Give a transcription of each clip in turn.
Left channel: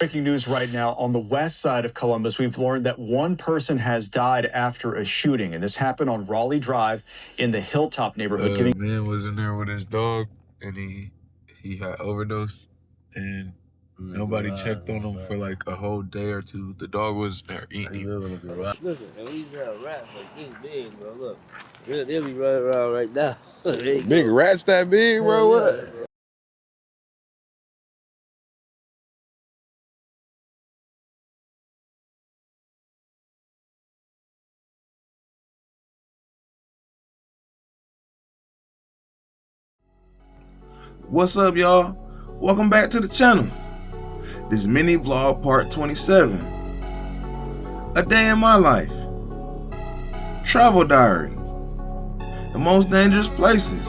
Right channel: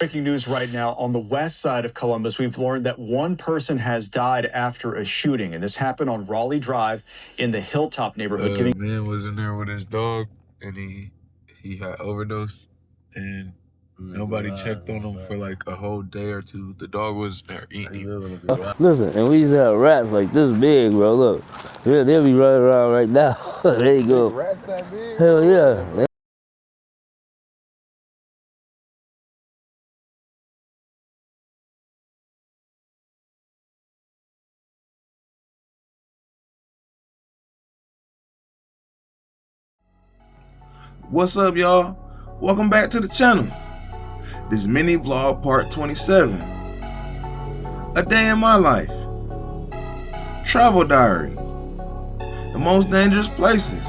Breaking news right now on the west side of Columbus. We've learned that one person has died after a shooting, and this happened on Raleigh Drive in the HillTop neighborhood. Man was in there with his dog, and he had overdosed, and nobody checked on him for like a whole day or two. The dog was there eating. Listen, and we used to have rats like this big, bro. Look, they'll be running around right now. There you go. Big rats that big, Hell bro? Yeah. What's up, y'all? Welcome back to the channel. This mini vlog part 27. A day in my life. Travel diary. The most dangerous places.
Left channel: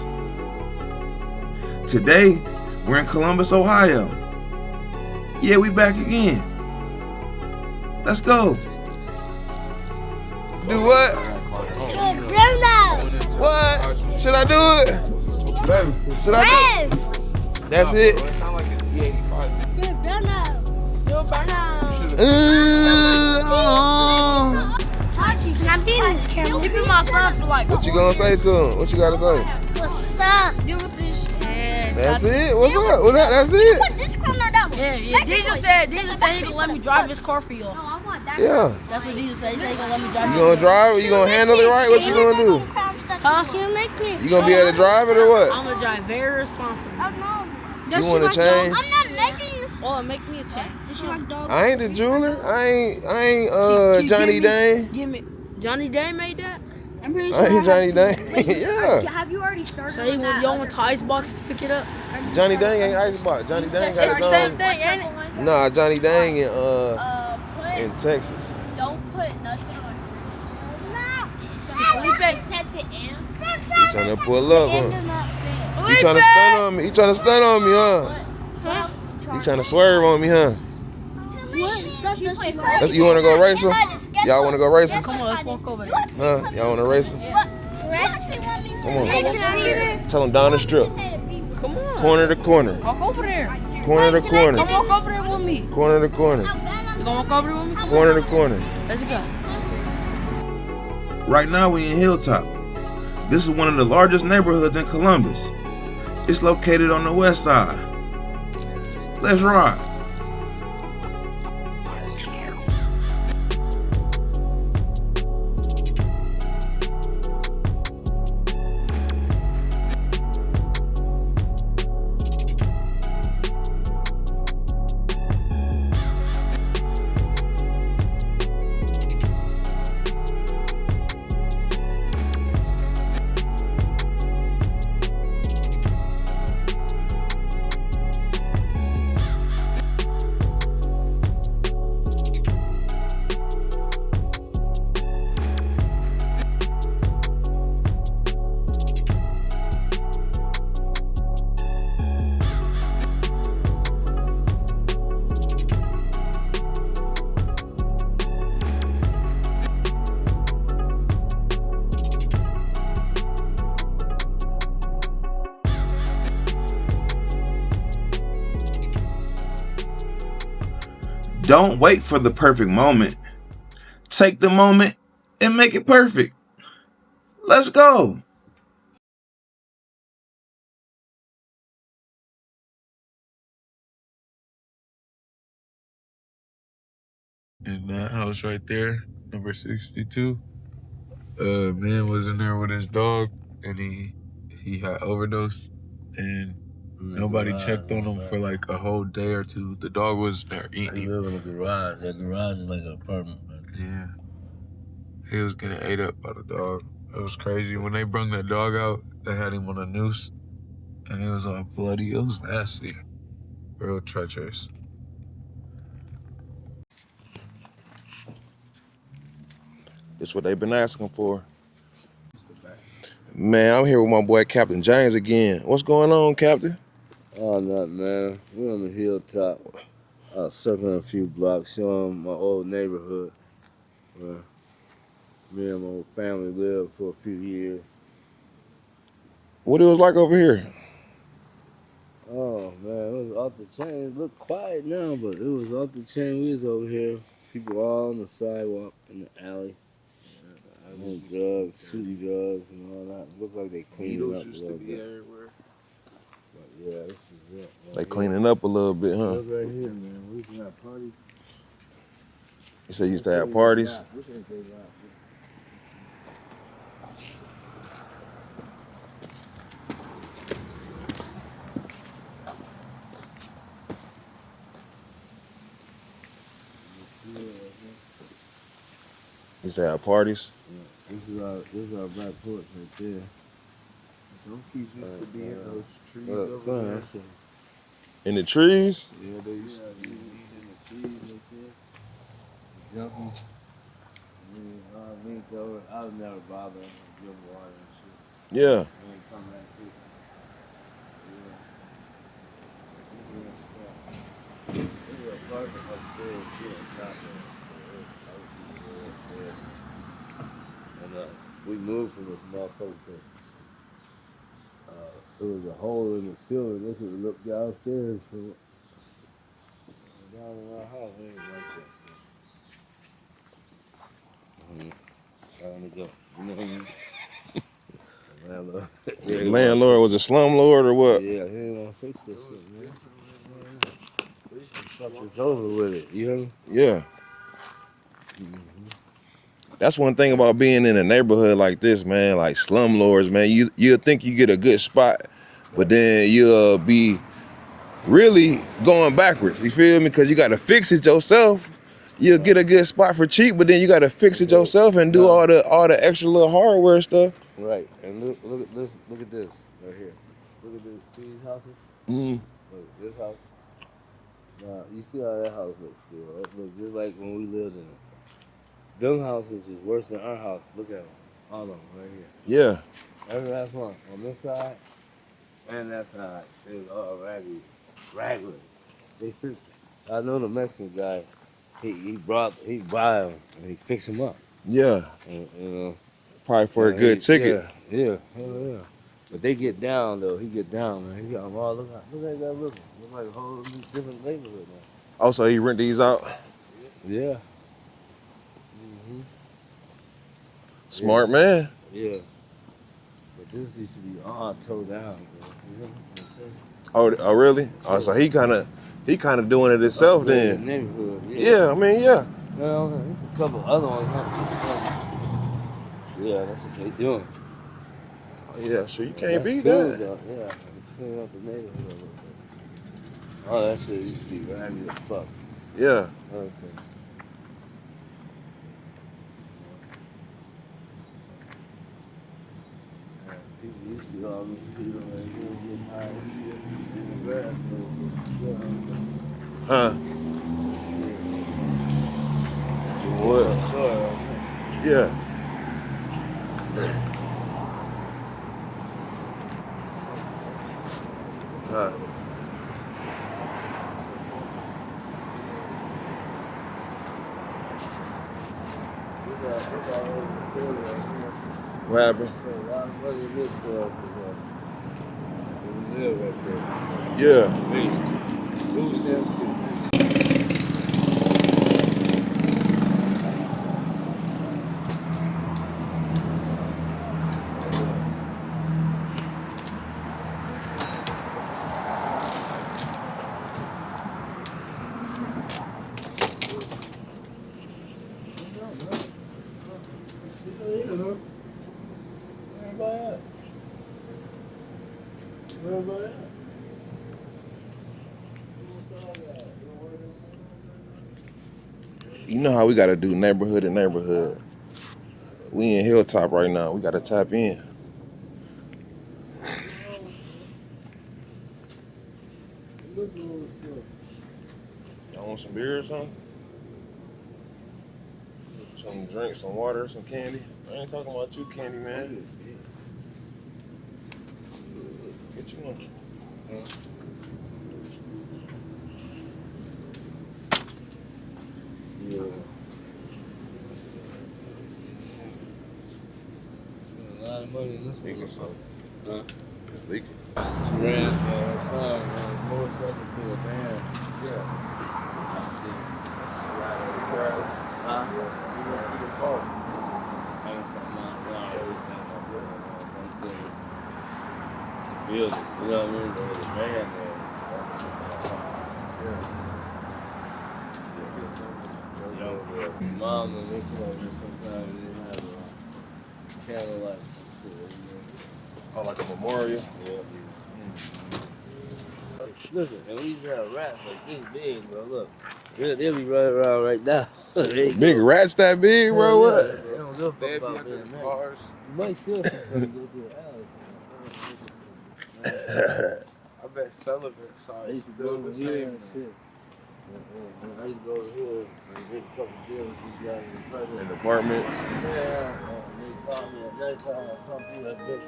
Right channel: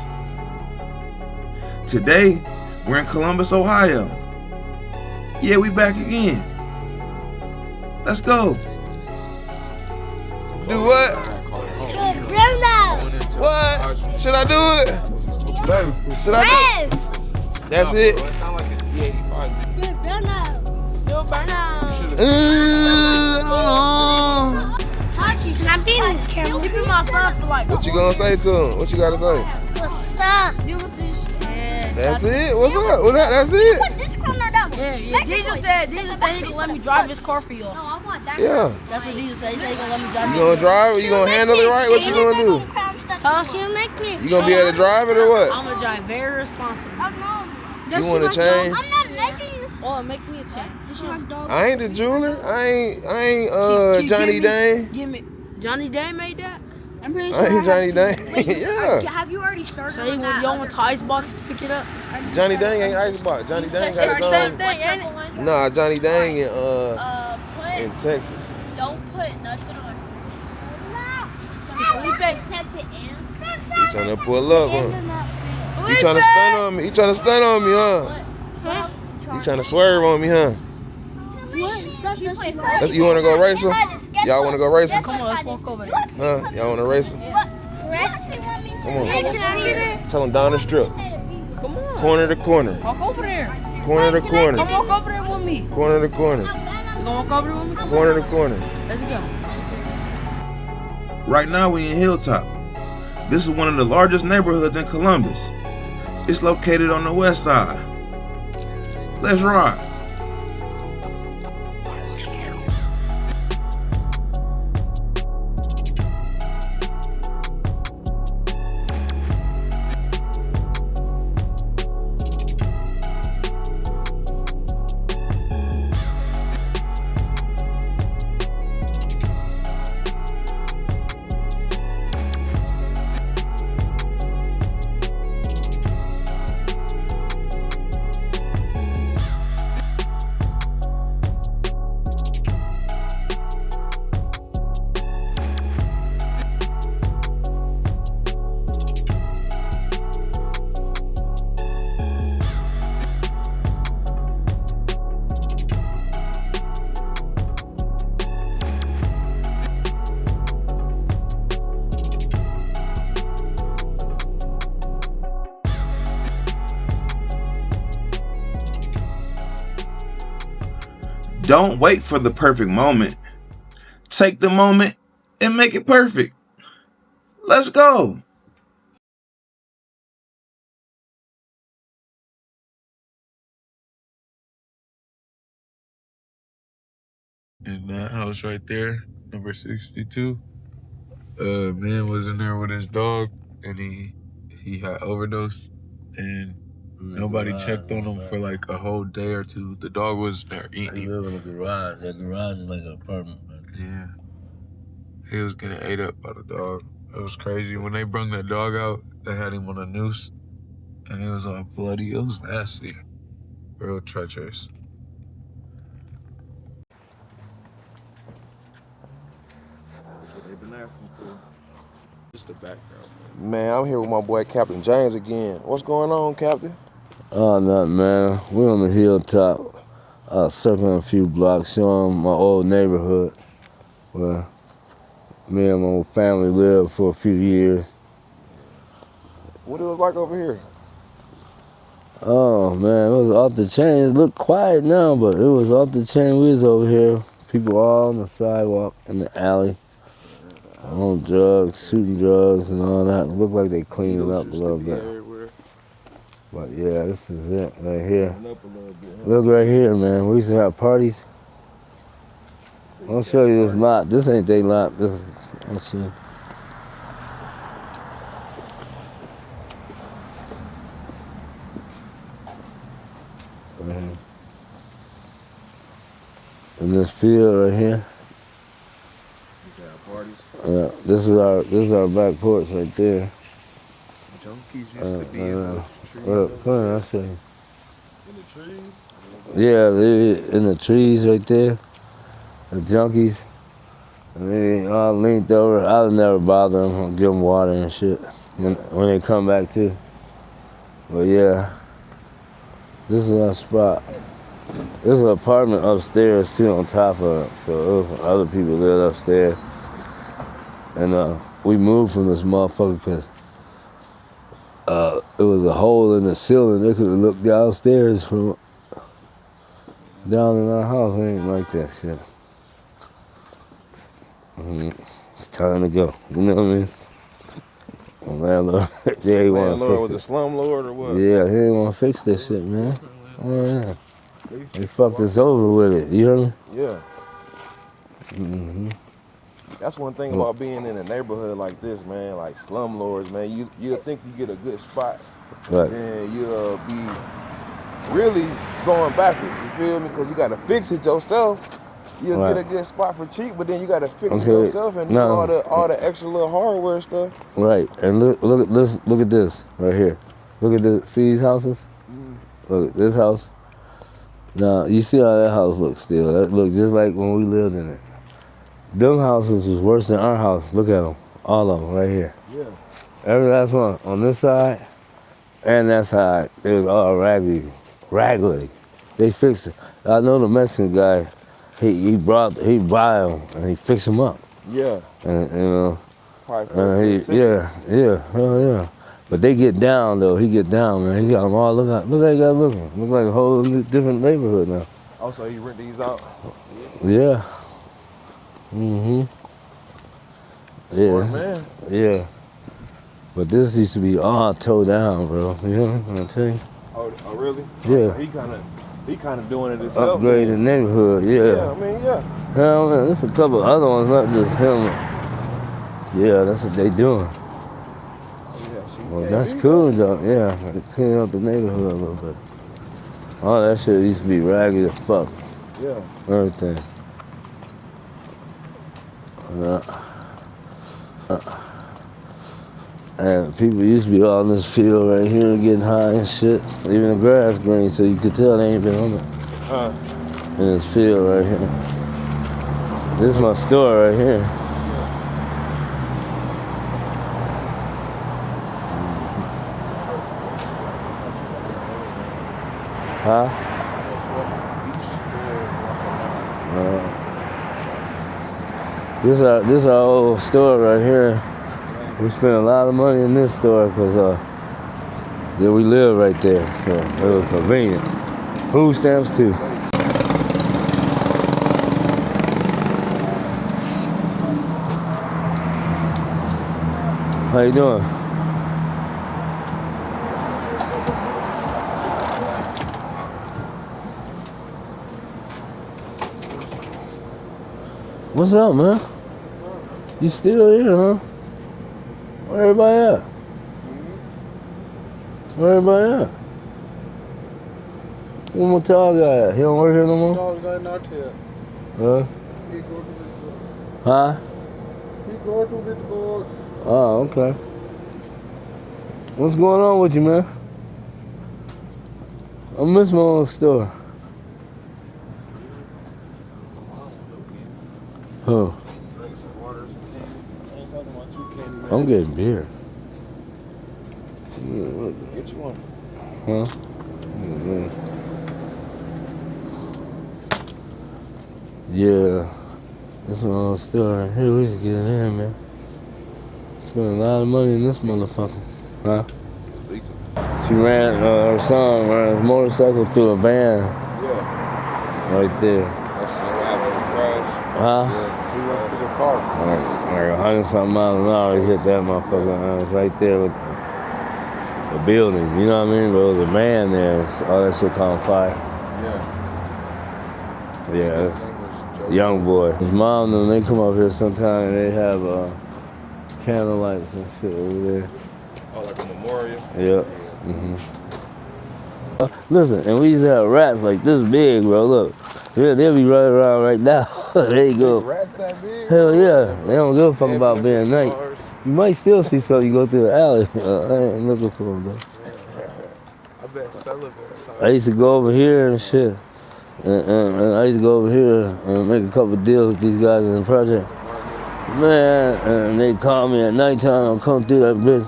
Today, we're in Columbus, Ohio. Yeah, we back again. Let's go. Do what? What? Should I do it? Should I do it? That's it. I don't know. What you gonna say to him? What you gotta say? What's up? That's it? What's up? Well, that's it? Yeah. Jesus said he gonna let me drive his car for you. Yeah. That's what Jesus said. He said he gonna let me drive. You gonna drive it? You gonna handle it right? What you gonna do? Huh? You gonna be able to drive it or what? I'm gonna drive very responsible. You wanna change? Or make me a change. I ain't the jeweler. I ain't Johnny Dane. Give me. Johnny Dane made that? I ain't Johnny Dane. Yeah. Have you already started? So you want the ice box to pick it up? Johnny Dang ain't Icebox. Johnny Dang got It's his the own. same thing, ain't it? Nah, Johnny Dang in Texas. Don't put nothing on. He trying to pull up, huh? He trying to stun on me. He trying to stun on me, huh? He trying to swerve on me, huh? You want to go race him? Y'all want to go race him? Come on, let's walk over there. Huh? Y'all want to race him? Come on. Tell him down the strip. Come on. Corner to corner. Walk over there. Corner to corner. Come walk over there with me. Corner to corner. You gonna walk over there with me? Corner to corner. Let's go. Right now we in HillTop. This is one of the largest neighborhoods in Columbus. It's located on the west side. Let's ride. Don't wait for the perfect moment. Take the moment and make it perfect. Let's go. In that house right there, number 62, man was in there with his dog, and he had overdosed, and nobody checked on him for like a whole day or two. The dog was there eating. He live in a garage. That garage is like an apartment, man. Yeah. He was getting ate up by the dog. It was crazy. When they brung that dog out, they had him on a noose, and it was all bloody. It was nasty. Real treacherous. That's what they've been asking for. Man, I'm here with my boy Captain James again. What's going on, Captain? Oh, nothing, man. We're on the hilltop, circling a few blocks, showing my old neighborhood where me and my family lived for a few years. What it was like over here? Oh man, it was off the chain. It looked quiet now, but it was off the chain. We was over here, people all on the sidewalk in the alley, on drugs, shooting drugs and all that. It looked like they cleaned it up a little bit. But yeah, this is it right here. Cleaning up a little bit, huh? Look right here, man. We used to have parties. You said you I'll used to show have you parties? this lot. This ain't they lot. This is, let's see. In this field right here. Used to have parties? This is our back porch right there. Junkies used to be in those trees. Come on, I'll show you. In the trees? Yeah, they in the trees right there. The junkies. And they all leaned over. I would never bother them. I'll give them water and shit. Yeah. When they come back too. But yeah, this is our spot. There's an apartment upstairs too on top of it. So it was other people lived upstairs. And we moved from this motherfucker because it was a hole in the ceiling. They could have looked downstairs from down in our house. We ain't like that shit. It's time to go. You know what I mean? The landlord. Yeah, Landlord was a slumlord or what? Yeah, he didn't want to fix this shit, man. Oh yeah. They fucked us over with it. You hear me? Yeah. That's one thing about being in a neighborhood like this, man, like slumlords, man. You'll think you get a good spot, but then you'll be really going backwards. You feel me? Because you got to fix it yourself. You'll get a good spot for cheap, but then you got to fix it yourself and do all the extra little hardware stuff. Right. And look at this right here. Look at this. See these houses? Look at this house. Now you see how that house looks still. That looks just like when we lived in it. Them houses was worse than our house. Look at them. All of them right here. Yeah. Every last one on this side and that side, it was all raggedy. They fixed it. I know the Mexican guy, he bought them and he fixed them up. Yeah. And you know. Probably for a good ticket. Yeah, hell yeah. But they get down though. He get down, man. He got them all. Look how they got looking. Look like a whole different neighborhood now. Also, he rent these out. Yeah. Smart man. Yeah. But this used to be all towed down, bro. You know what I'm telling you? Oh really? Yeah. Oh, so he kind of doing it himself Upgrade then. the neighborhood, yeah. Yeah, I mean, yeah. Hell man, there's a couple other ones, not just him. Yeah, that's what they doing. Yeah, so you Well, can't that's beat cool that. though, yeah. They clean up the neighborhood a little bit. All that shit used to be ragged as fuck. Yeah. Everything. And people used to be all in this field right here getting high and shit. Even the grass green, so you could tell they ain't been on it. Huh? In this field right here. This is my store right here. Yeah. Huh? This is our old store right here. We spent a lot of money in this store because we live right there, so it's convenient. Food stamps too. How you doing? What's up, man? You still here, huh? Where everybody at? Where everybody at? Where my tall guy at? He don't work here no more? Tall guy not here. Huh? You know how we gotta do neighborhood to neighborhood. Huh? We in HillTop right now. We gotta tap in. What's going on with you, man? I miss my own store. You want some beer or something? Huh? Some drinks, some water, some candy. I ain't talking about you, candy man. I'm getting beer. Get you one. Huh? Yeah. That's my own store right here. We used to get it in, man. Spend a lot of money in this motherfucker. Huh? She ran, her son ran his motorcycle through a van Yeah. right there. That's what happened in the crash. Huh? Yeah, he went to the car. Like 100-something miles an hour, he hit that motherfucker. It was right there with the building, you know what I mean? There was a van there, all that shit caught on fire. Yeah. Yeah, young boy. His mom, when they come up here sometime, they have candle lights and shit over there. Oh, like a memorial? Yep. Listen, and we used to have rats like this big, bro. Look, they'll be running around right now. There you go. Big rats that big, Hell bro? yeah. They don't give a fuck about being night. You might still see something you go through the alley. I ain't looking for them, though. I bet celibate. I used to go over here and shit. And I used to go over here and make a couple deals with these guys in the project. Apartments. Man, and they call me at nighttime and come through that bitch.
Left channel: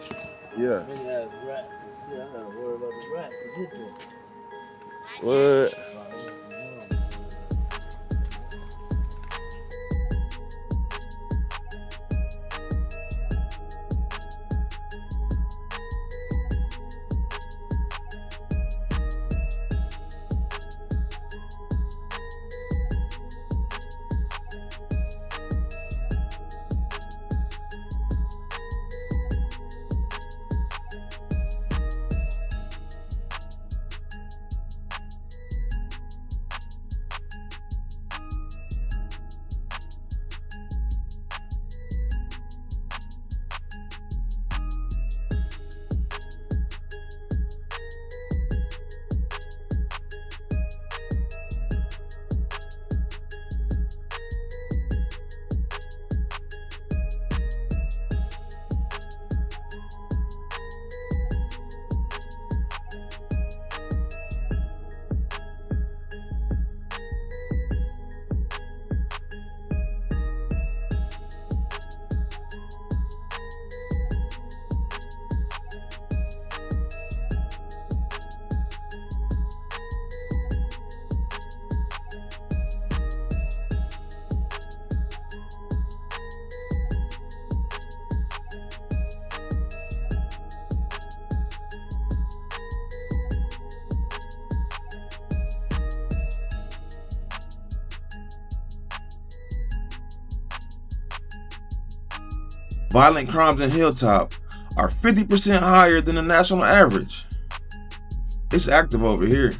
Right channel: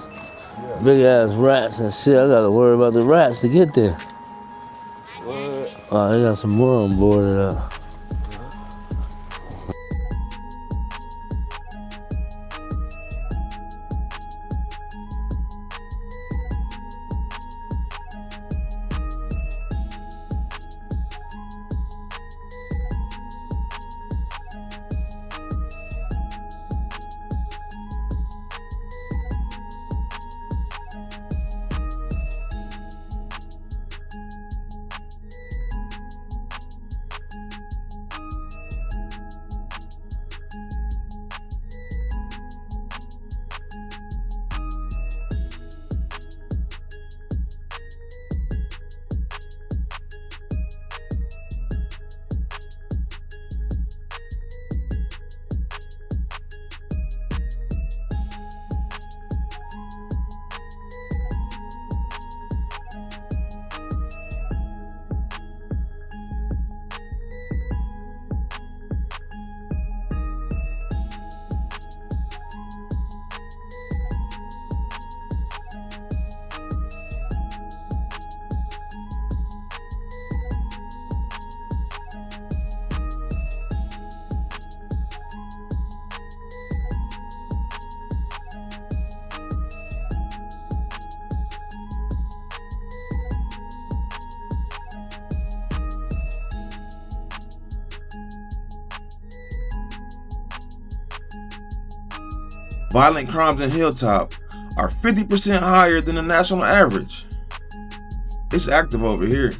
Yeah. Big ass rats and shit. I gotta worry about the rats to get there. What? Oh, they got some more on board. Violent crimes in HillTop are 50% higher than the national average. It's active over here.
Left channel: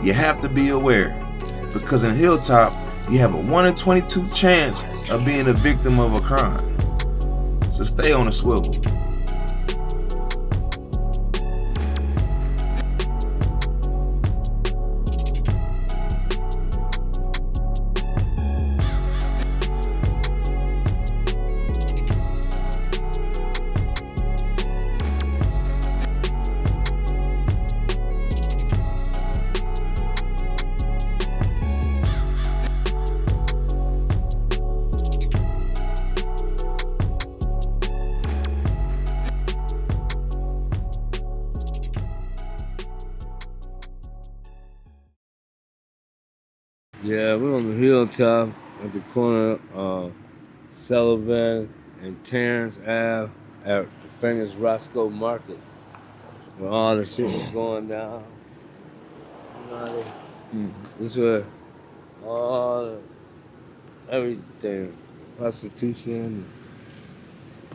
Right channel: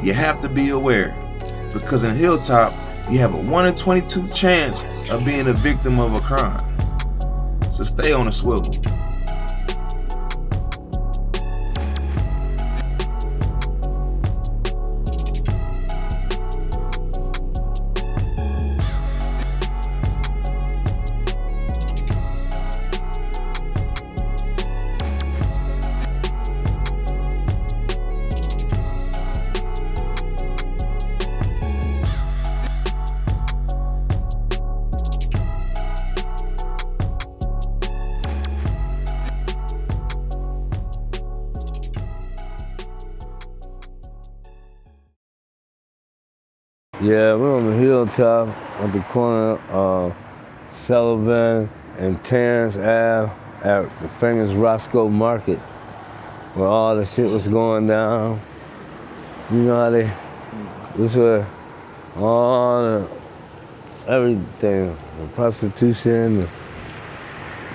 You have to be aware, because in HillTop, you have a 1 in 22 chance of being a victim of a crime. So stay on the swivel. Yeah, we're on the hilltop at the corner of Sullivan and Terrence Ave at the famous Rosco Market, where all the shit was going down. You know how they, this where all the, everything, the prostitution,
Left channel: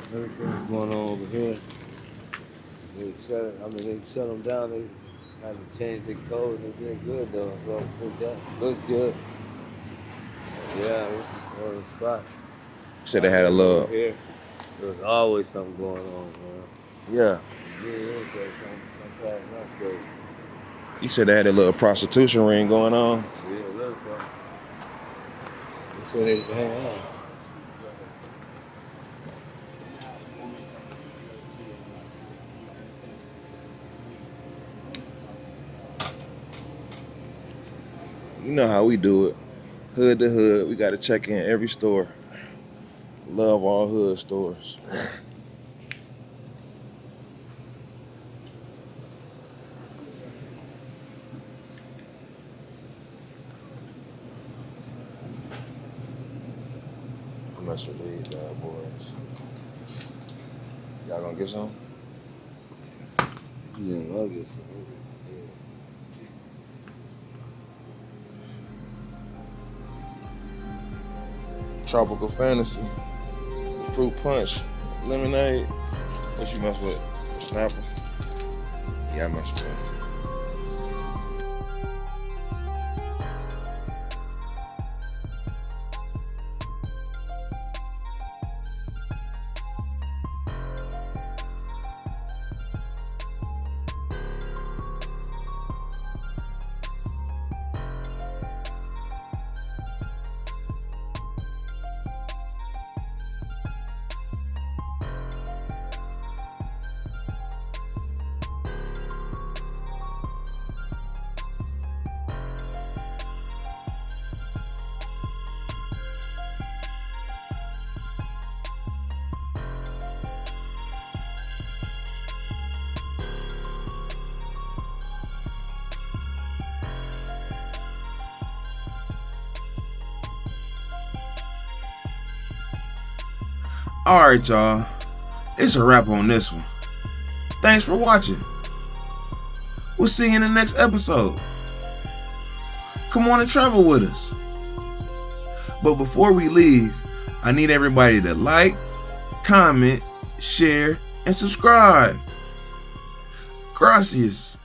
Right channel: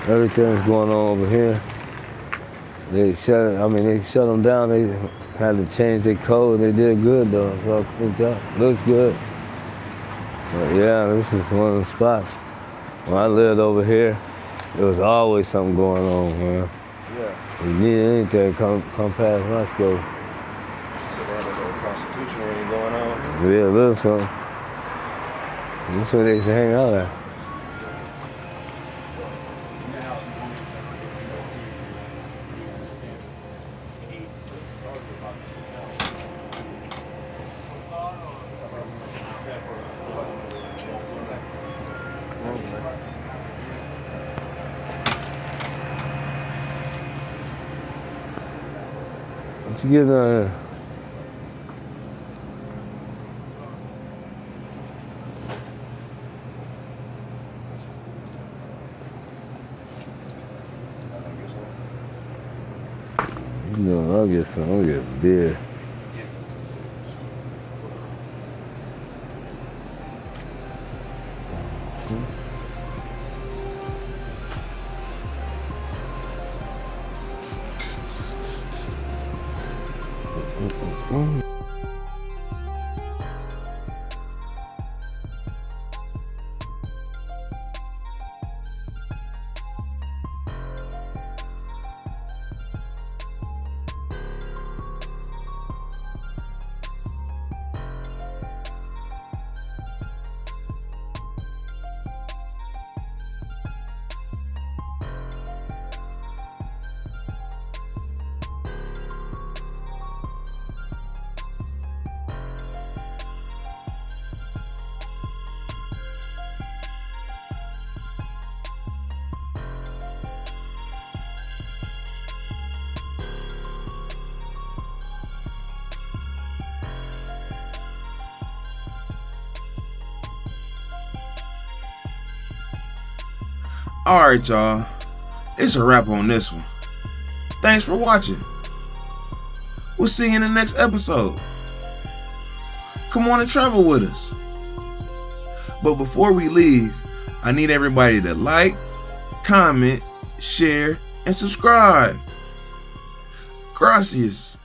everything was going on over here. They shut them down. They had to change their code. They did good though, so I think that looks good. But yeah, this is one of the spots. When I lived over here, there was always something going on, man. Yeah. If you need anything, come past Rosco. You said they had a little prostitution ring going on? Yeah, a little something. That's where they used to hang out at. You know how we do it. Hood to hood, we gotta check in every store. Love all hood stores. What you get down here? I'm messing with these bad boys. Y'all gonna get some? You know, I'll get some. I'll get beer. Tropical Fantasy, Fruit Punch, Lemonade. What you mess with? Snap? Yeah, I mess with it. Alright, y'all. It's a wrap on this one. Thanks for watching. We'll see you in the next episode. Come on and travel with us. But before we leave, I need everybody to like, comment, share, and subscribe. Gracias.